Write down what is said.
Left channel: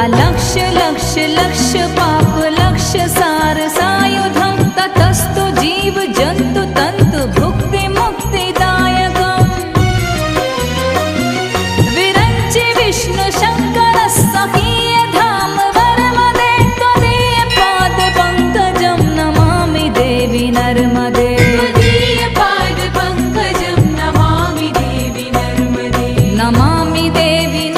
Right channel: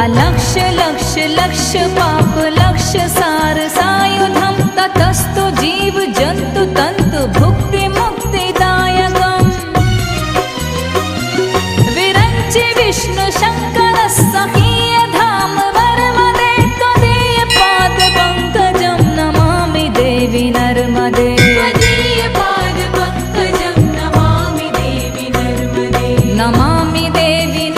अलक्ष लक्ष लक्ष पाप लक्ष सार सायुधम ततस्तु जीव जंतु तंतु भुक्ति मुक्तिदायकम् विरंचि विष्णु शंकर सखीय धाम वर्मदे त्वदीय पाद पंकजं नमामि देवी नर्मदे नमामि देवी